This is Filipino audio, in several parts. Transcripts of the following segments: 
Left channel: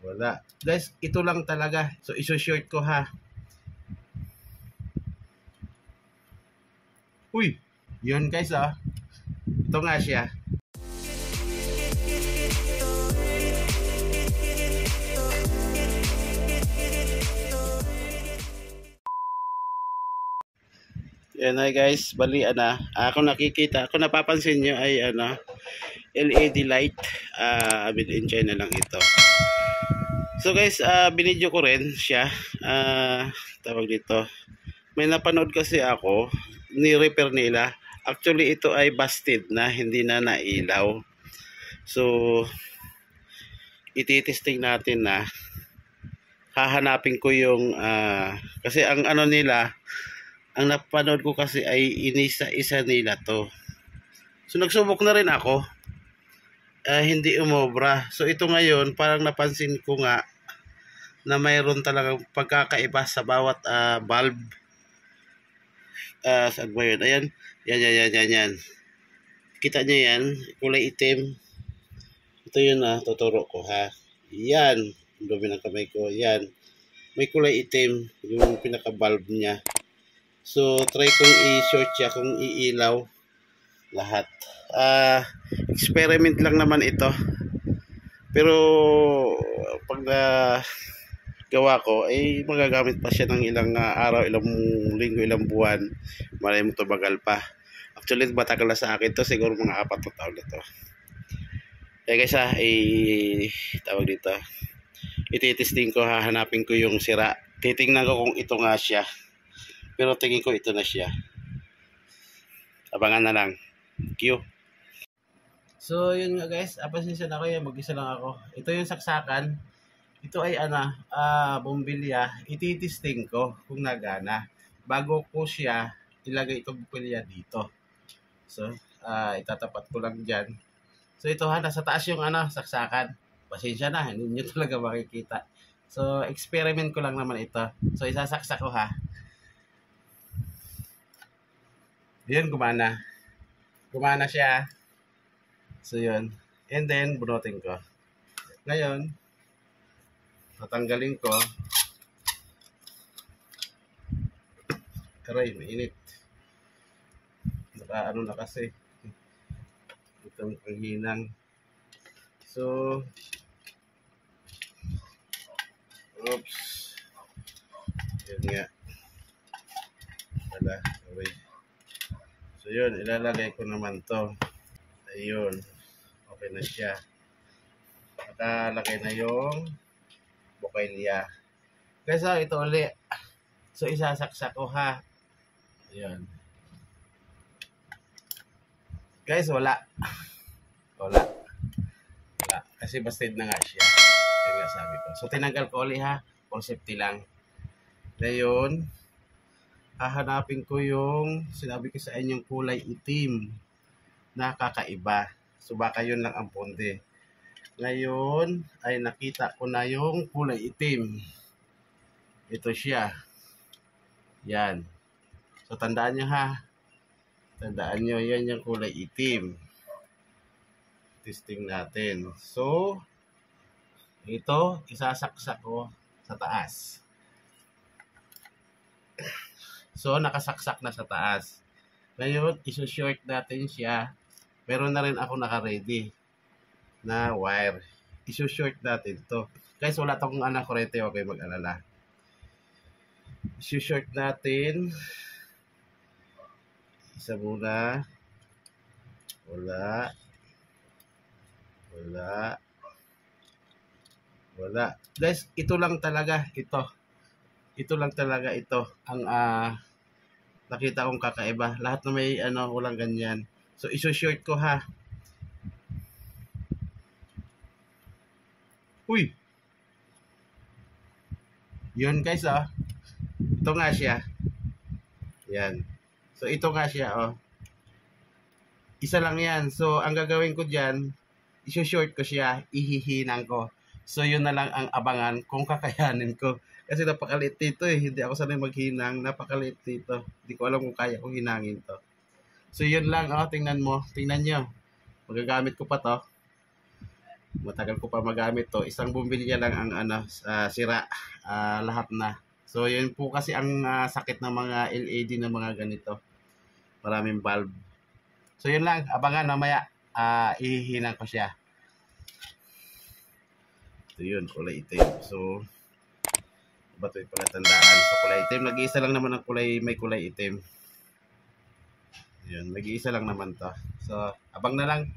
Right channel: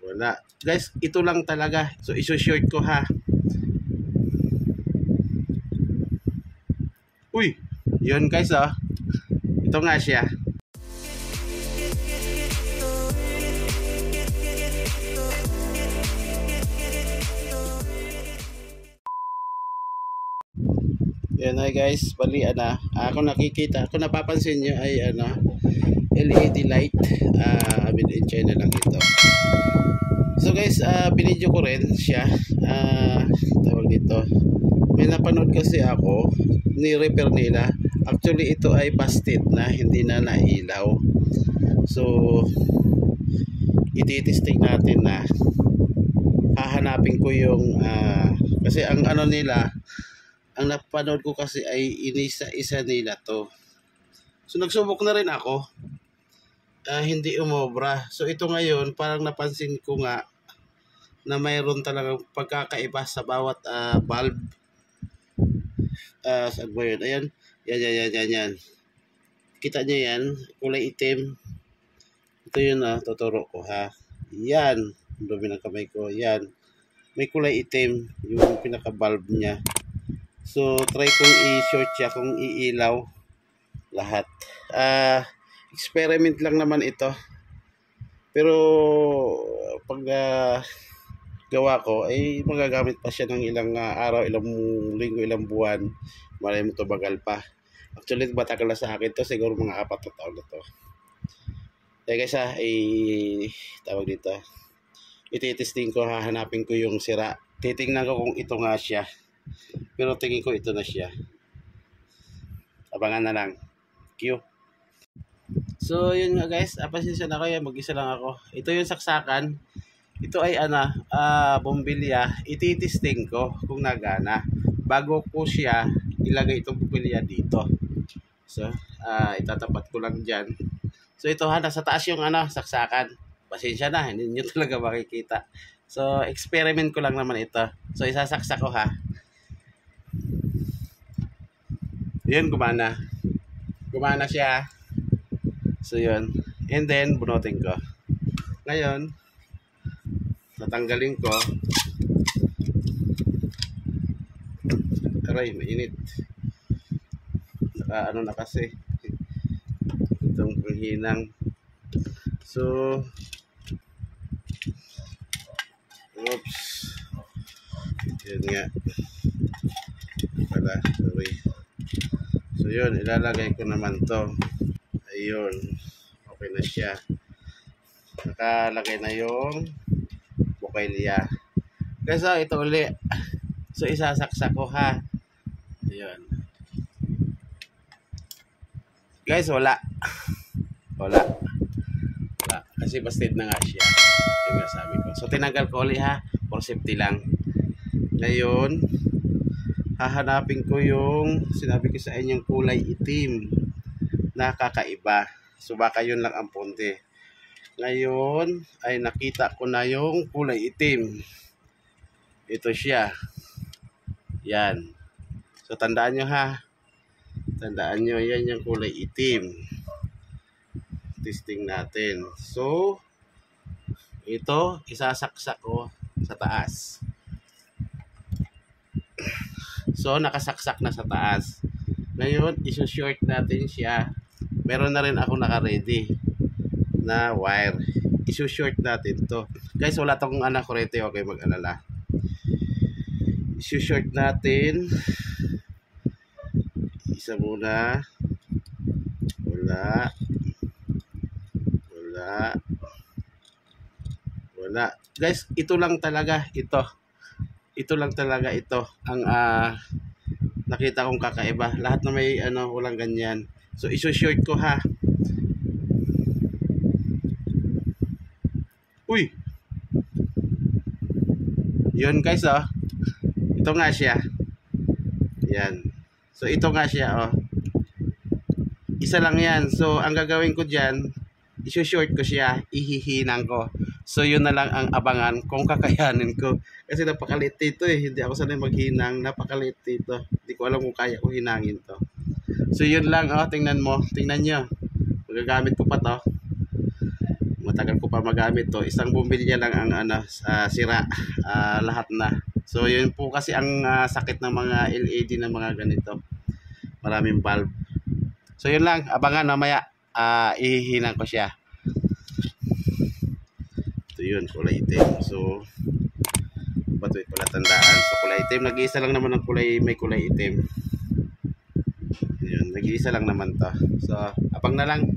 Wala. Guys, ito lang talaga. So, iso-short ko ha. Uy! Yun guys oh. Ito nga siya. Yan ay guys, bali kung nakikita, kung napapansin nyo ay LED light, made in China lang ito. So guys, binidyo ko rin siya, tawag dito, may napanood kasi ako, ni-repair nila. Actually ito ay busted na, hindi na nailaw. So ititesting natin na, hahanapin ko yung kasi ang nila, ang napanood ko kasi ay inisa-isa nila to. So nagsubok na rin ako, hindi umobra. So ito ngayon parang napansin ko nga na mayroon talagang pagkakaiba sa bawat valve. Saan ba yun? Ayan, yan. Kita nyo yan, kulay itim. Ito yun tuturo ko ha. Yan, dumi ng kamay ko. Yan, may kulay itim yung pinaka valve niya. So try kong i-short siya, kung iilaw lahat. Experiment lang naman ito. Pero pag gawa ko ay magagamit pa siya ng ilang araw, ilang linggo, ilang buwan. Malay mo tumagal pa. Actually matagal na sa akin to, siguro mga 4 na taon na to. Kaya guys tawag dito, ititesting ko, hahanapin ko yung sira. Titingnan ko kung ito nga siya. Pero tingin ko ito na siya. Abangan na lang. Q. So yun nga guys, pasensya na kayo, mag-isa lang ako. Ito yung saksakan. Ito ay bombilya. Ititesting ko kung nagana. Bago ko siya ilagay itong bombilya dito. So itatapat ko lang dyan. So ito nasa taas yung saksakan. Pasensya na, hindi nyo talaga makikita. So experiment ko lang naman ito. So isasaksak ko ha. Yun, gumana siya. So yun, and then bunutin ko. Ngayon tatanggalin ko. Aray, mainit. Na kasi itong panghinang. So oops, yun nga pala, sorry. So yun, ilalagay ko naman to. Ayun, okay na siya. Nakalagay na yung bukilya. Guys, ito uli. So isasaksak ko ha. Ayun. Guys, wala. Kasi busted na nga siya. Ayun nga sabi ko. So tinanggal ko uli ha, for safety lang. Ngayon hahanapin ko yung sinabi ko sa inyong kulay itim na kakaiba. So baka yun lang ang punte. Ngayon ay nakita ko na yung kulay itim. Ito siya. Yan. So tandaan nyo ha. Tandaan nyo, yan yung kulay itim. Testing natin. So ito isasaksak ko sa taas. So nakasaksak na sa taas. Ngayon iso-short natin siya. Meron na rin ako naka-ready na wire. Iso-short natin to. Guys, wala tong kurente, okay, mag-alala. Iso-short natin. Isa muna. Wala. Guys, ito lang talaga ito. Ito lang talaga ito ang nakita kong kakaiba. Lahat na may walang ganyan. So iso-short ko ha. Uy. Yun guys Ito nga siya. Yan. So ito nga siya Isa lang yan. So ang gagawin ko diyan, iso-short ko siya, ihihinang ko. So yun na lang ang abangan kung kakayanin ko. Kasi napakaliit dito hindi ako sanay maghinang, napakaliit dito. Hindi ko alam kung kaya ko hinangin to. So yun lang tingnan mo, tingnan nyo. Magagamit ko pa to. matagal ko pa magamit to. Isang bumbilya lang ang sira, lahat na. So yun po kasi ang sakit ng mga LED na mga ganito, maraming bulb. So yun lang, abangan mamaya, ihihinan ko siya. Ito yun, kulay itim. So ba't wait pala tandaan, so kulay itim, nag-iisa lang naman ang kulay, may kulay itim. Yun, nag-iisa lang naman ta. So abang na lang.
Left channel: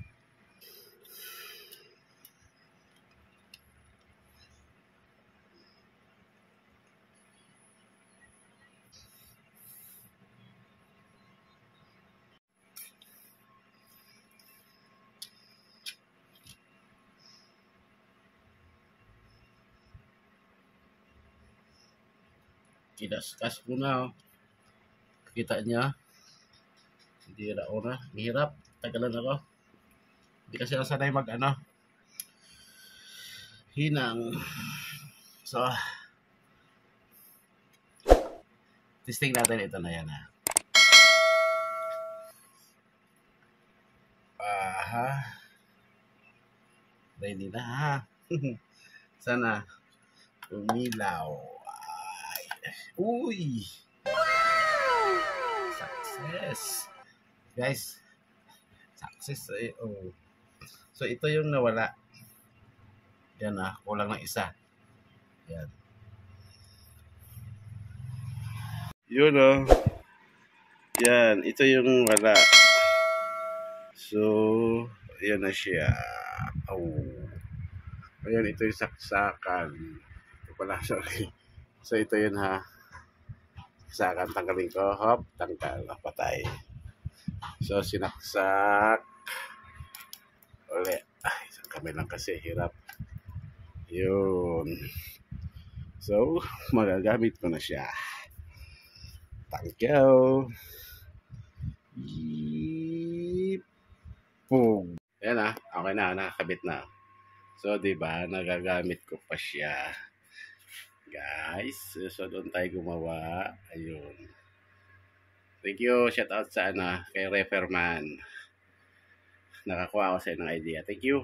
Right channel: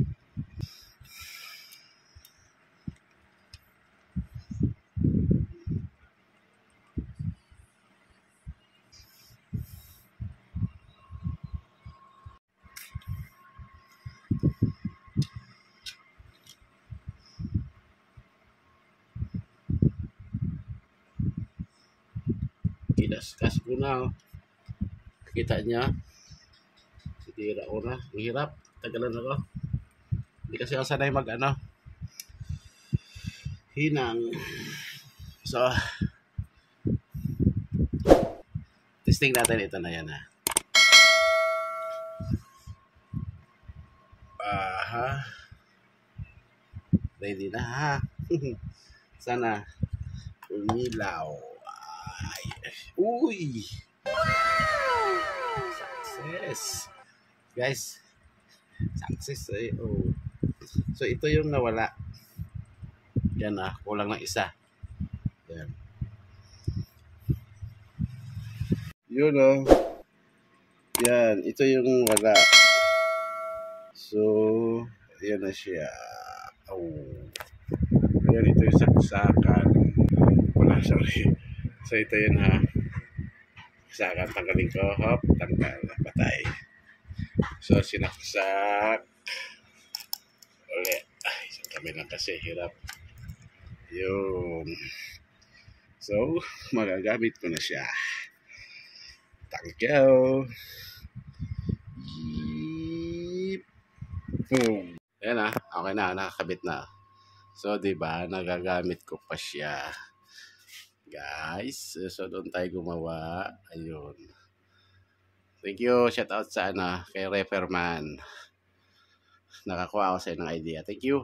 Kinaskas ko na, kita niya. Sidira ko na, hirap, tagalan ako. Hindi kasi ako sanay mag hinang. So testing natin ito na yan ha. Ready na ha. Sana umilaw. Ay. Uy! Success! Guys, success eh. Oh. So ito yung nawala. Yan kulang ng isa. Yan. Yun yan, ito yung wala. So, ayan na siya. Oh. Ayan, ito yung saksakan. Wala, sorry. So, ito yun ha. Saksakan, tanggalin ko. Hop, tanggal. Patay. So, sinaksak. Uli. Ay, isang kamay lang kasi. Hirap. Yun. So, magagamit ko na siya. Thank you. Boom. Ayan okay na, nakakabit na. So, 'di ba, nagagamit ko pa siya. Guys, so doon tayo gumawa. Ayun. Thank you, shout out sa kay Referman. Nakakuha ako sa ng idea. Thank you.